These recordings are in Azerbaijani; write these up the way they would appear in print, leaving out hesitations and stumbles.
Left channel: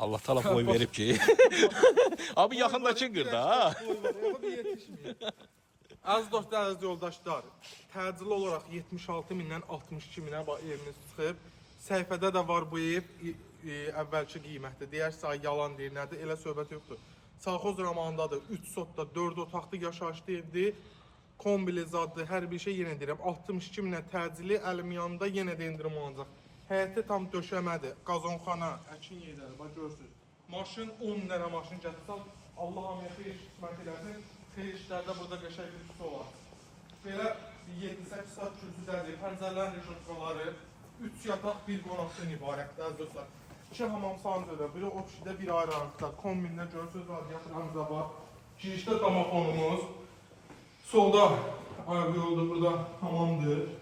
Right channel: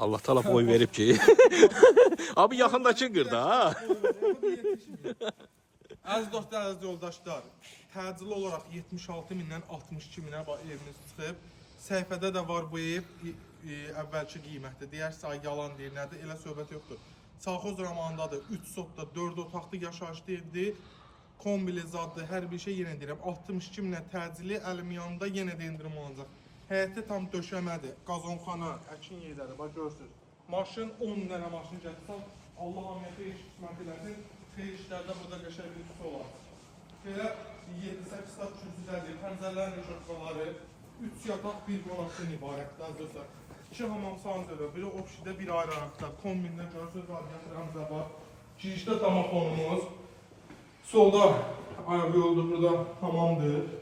Allah Taala boy verib ki. Abi yaxındakı qırda ha. Bir yetişmiyor. Az dostlar, az yoldaşlar, təcili olaraq 76 mindən 62 minə evimiz çıxıb. Səhifədə də var bu ev əvvəlki qiymətdir. Deyərsə ay yalan deyir, nədir? Elə söhbət yoxdur. Savxoz romanındadır. 3 sotda 4 otaqlı yaşayışlı evdir. Kombili zaddır, hər bir şey yenə deyirəm. 62 minə təcili, əlim yanında yenə də endirim olacaq. Həyəti tam döşəmədir. Qazonxana, əkin yerləri, bax görürsünüz. Maşın 10 dənə maşın gətirsən, Allah hamıya xeyir qismət eləsin. Xeyir işlərdə burada qəşəng bir su olar. Belə 7-8 saat kürsüdədir, pəncərlərin reşotkaları, 3 yataq, 1 qonaqdan ibarətdir, əzizlər. 2 hamam sanzörə, biri o kişidə, bir ayrı arıqda. Kombində görürsünüz, radiyatorlarımıza bax. Girişdə domofonumuz. Solda ayaq yoldur, burada hamamdır.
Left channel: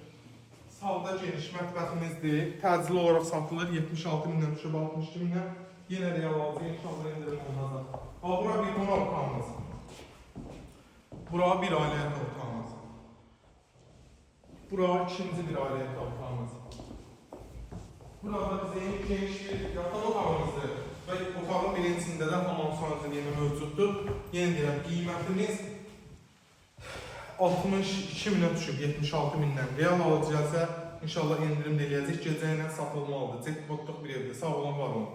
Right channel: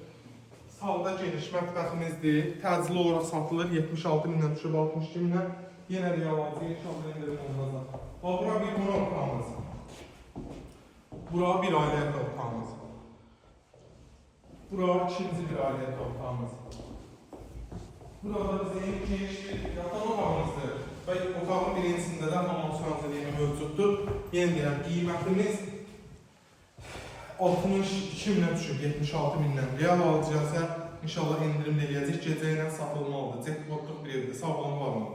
Sağda geniş mətbəximizdir. Təcili olaraq satılır, 76 mindən düşüb 62 mindən. Yenə də yalanızı, inşallah endirim olacaq. Bax, bura bir qonaq otağımız. Bura bir ailə otağımız. Bura ikinci bir ailə otağımız. Burada bizə geniş bir yataq otağımızdır. Və otağın birincisində də hamam sanzeliyi mövcuddur. Yenə deyirəm, qiymətimiz 62 minə düşüb 76 mindən. Real alıcıya isə inşallah endirim eləyəcək. Gecə ilə satılmalıdır. Cekbotluq bir evdir. Sağ olun, var olun.